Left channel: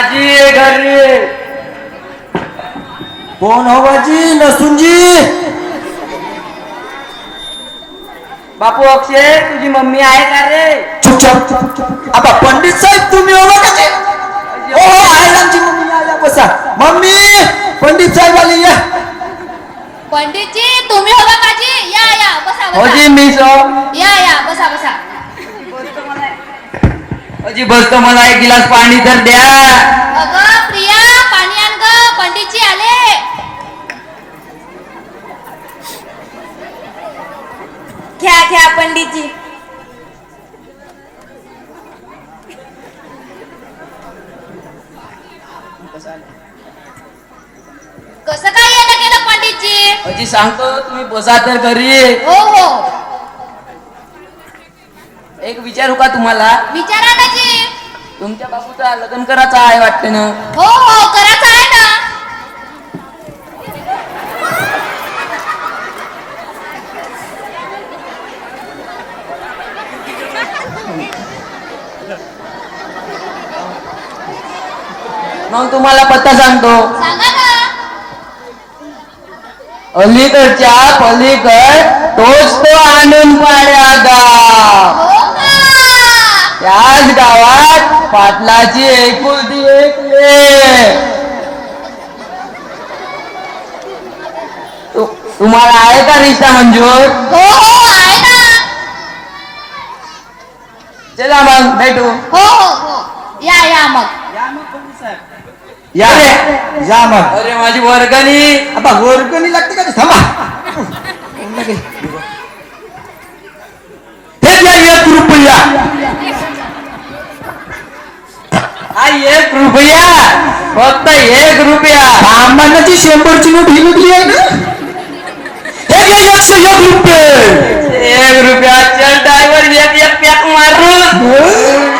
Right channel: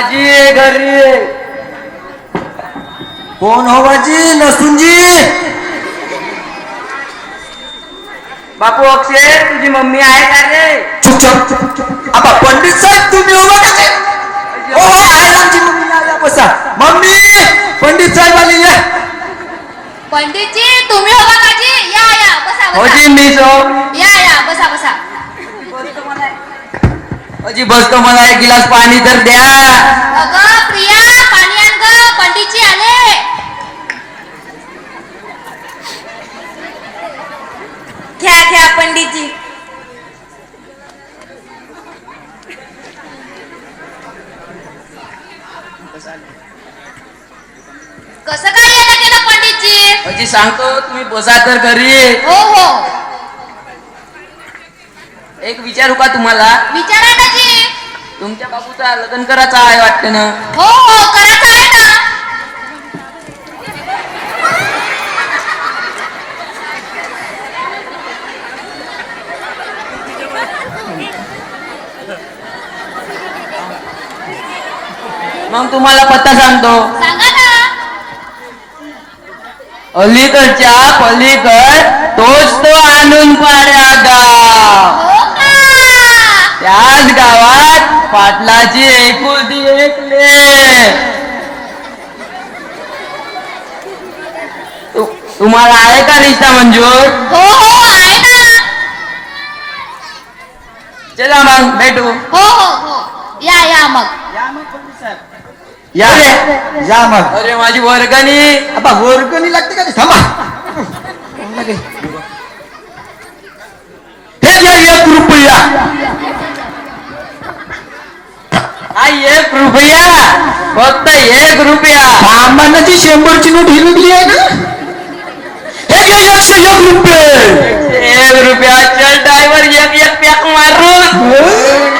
आजी घरी कोण हो बाजी? नसूनजी बापू अक्षय तुझी मम्मी आहे का रे? चुपचाप आता पंडित साहेब तुम्ही हो बघा. हो हो आहे आमची मम्मी. या बसा मम्मी. पंडित साहेब आले या. पंडितजी तुम्ही हो बाबाजी. या या बसा हो बसा. जी मी सो. या या बसा बसा. अजी बसतो मला एक गिलास पाणी तर द्या. अगं प्रिया पाणी आण ग. पंडितजी आले. घ्या घ्या पंडितजी. कसं काय येणं केलं पंडितजी? अजी सांगतो तुम्ही बसा तर घरी. हो हो एक विचारू का तुम्हाला? विचारा ना जी. तुमच्या बाबूचा लग्न करायचा आहे वाटतं ना? हो हो करायचं आहे ना. मग तुम्हाला पत्ता सांगतो. सांगा ना. अलीकडच्या पलीकड तोच तो आणून पाड्या गाव. हो का? त्याच गावात पाटलाची एकुलती एक लेक. तुम्हाला आहे का रिश्ता मंजूर? हो हो आहे ना. चला मग भेटू. हो हो हो या या मग. या रे या मग. अरे माझी वर्गणी. आता वर्गणी लागते का? थांबा. हे घ्या 1 रुपया. हा 1 रुपया. फक्त 1 रुपया. सामान्याची 100ची नोट ही निघली आहे ना. हे घ्या 101 रुपये. 1 रुपया. चल ड्रायव्हर एक एक पॅक मारून.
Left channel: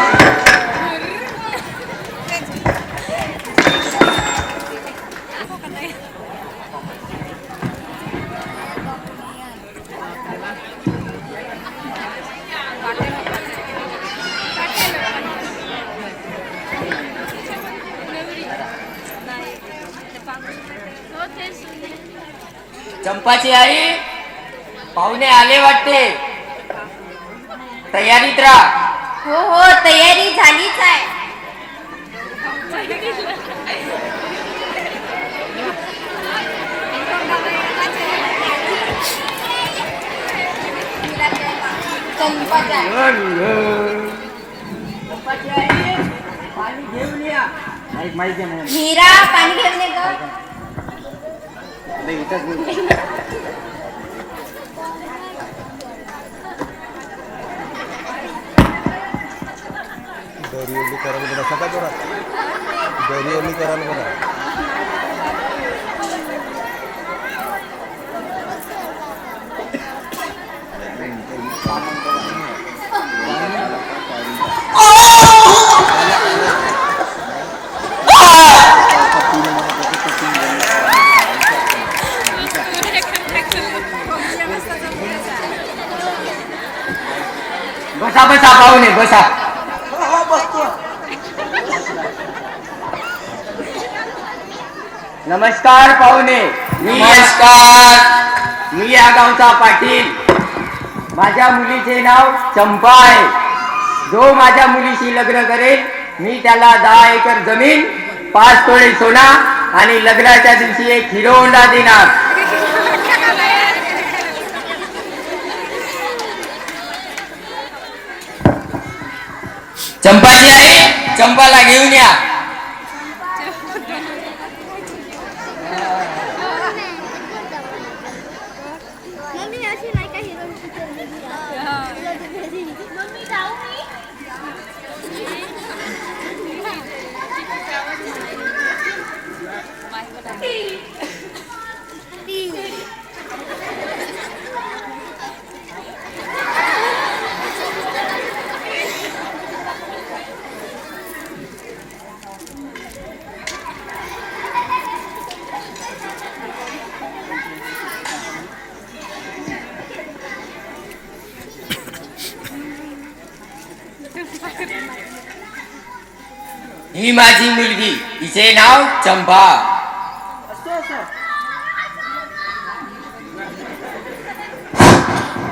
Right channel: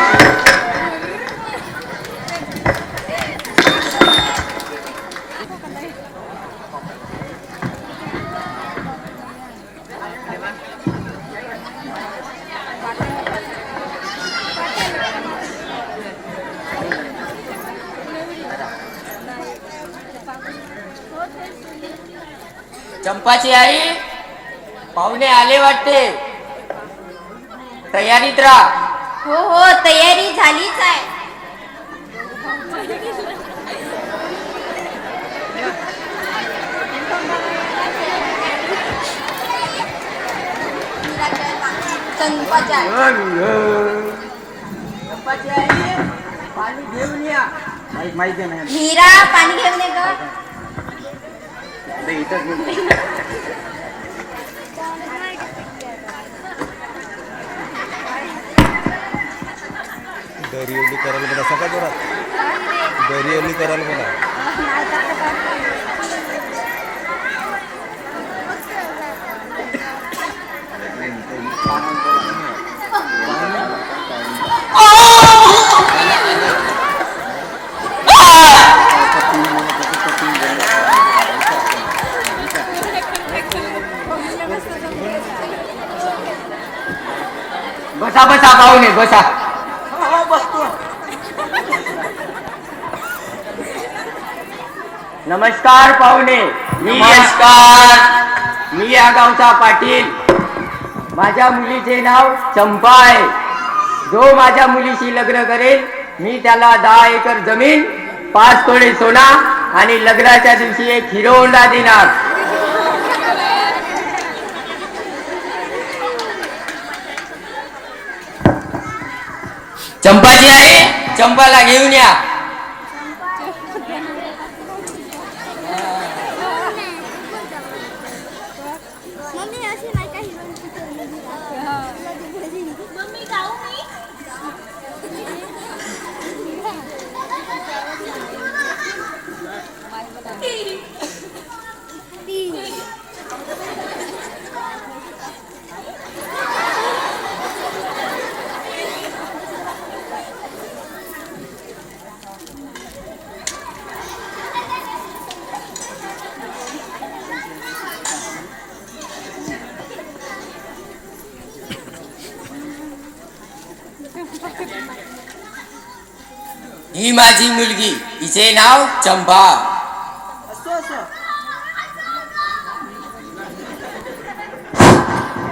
चंपाची आई पाहुणे आले वाटते. तयारीत राहा. हो हो तयारी झालीच आहे. पाणी घेऊन या. माहिती नाही. मीरा पाणी घेऊन ये ग. दरी ओली करायला बघा. सकाळ जोरात दरी ओली करायला बघा. बसा बसा पाहुणे बसा. नमस्कार पाहुणे. नमस्कार. मी या गावचा पाटील. माझ्या मुलीचे नाव चंपा आहे. जो माझ्या मुलीशी लग्न करेल मी त्याला 10 एकर जमीन, 5 तोळे सोना आणि लग्नाच्या दिवशी एक हिरो होंडा देणार. चंपाची आई चंपाला घेऊन या. ही माझी मुलगी, तिचे नाव चंपा.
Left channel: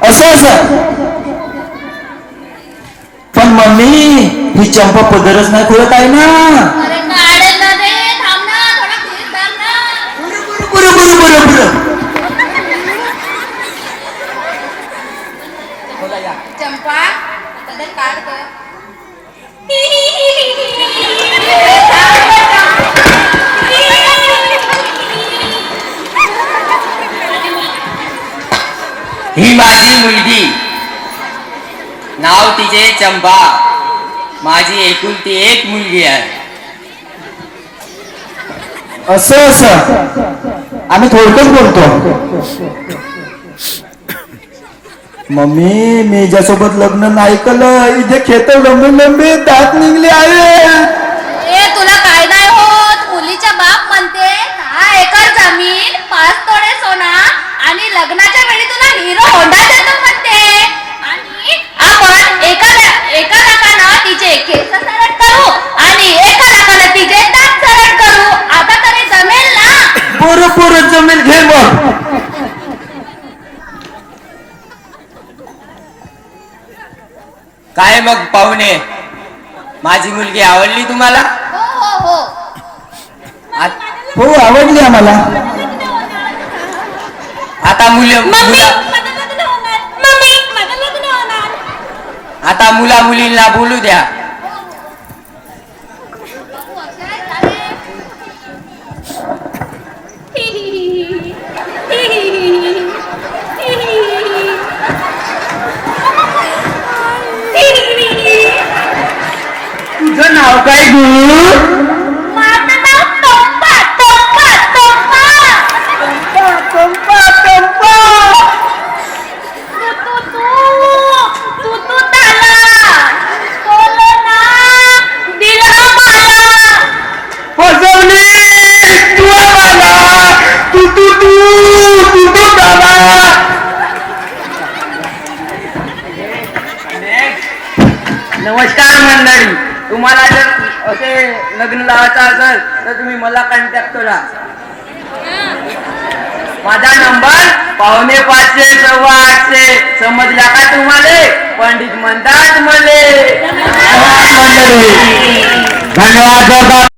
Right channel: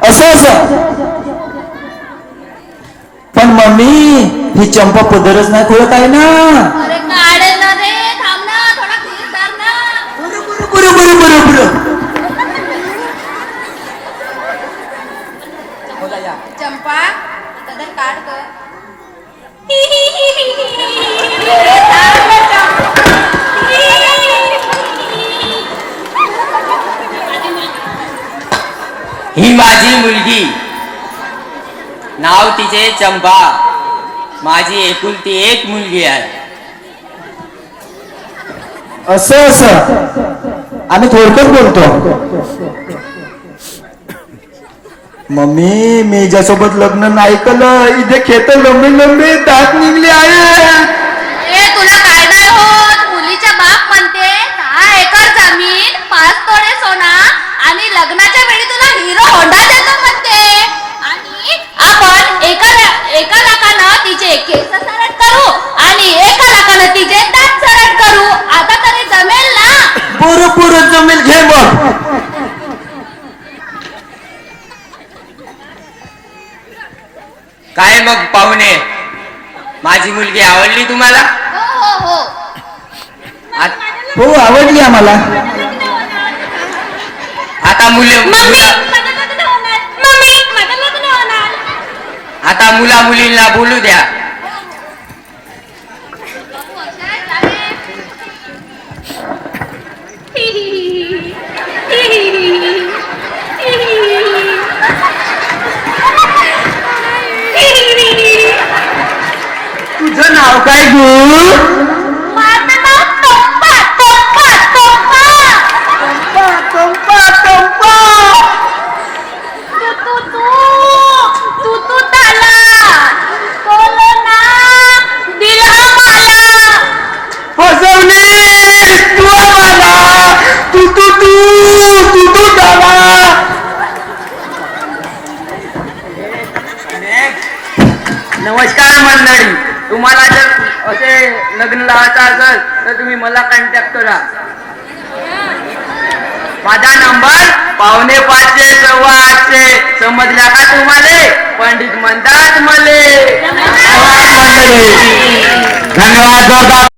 असं पण मम्मी ही चंपा पदरच नाही खोलत आहे ना. अरे काढेल ना रे, थांब ना, थोडा धीर धर ना. बरोबर. चंपा पदर काढ ग. ही माझी मुलगी, नाव तिचे चंपा. माझी एकुलती एक मुलगी आहे. असं आम्ही थोडक्यात बोलतो. मम्मी मी ज्यासोबत लग्न नाही केलं इथे खेत लंबी दात निघले आहे. ए तुला काय नाही होत, मुलीच्या बाप म्हणते 6 एकर जमीन, 5 तोळे सोना आणि लग्नाच्या वेळी तुला हिरो होंडा देतो म्हणते. आणि आपण एका लाखानं तिचे केस सरळ करू आणि 1 लाखानं तिचे दात सरळ करू. आता तरी जमेल ना? बरं जमेल, घे मग. काय मग पाहुणे, माझी मुलगी आवडली तुम्हाला? हो. हो आवडली आम्हाला. आता आता मुला मुलींना बोलू द्या. तुझं नाव काय गु? माझं नाव टोप्पा. तू ताला. बोलो ना, दिला मला. फसवली तू आम्हाला. तू बाबा. नमस्कार मंडळी, तुम्हाला जर असे लग्न लावायचं असेल तर तुम्ही मला कॉन्टॅक्ट करा. माझा नंबर 5:45 8:15. समजला का तुम्हाला? पंडित म्हणतात मले. धन्यवाद.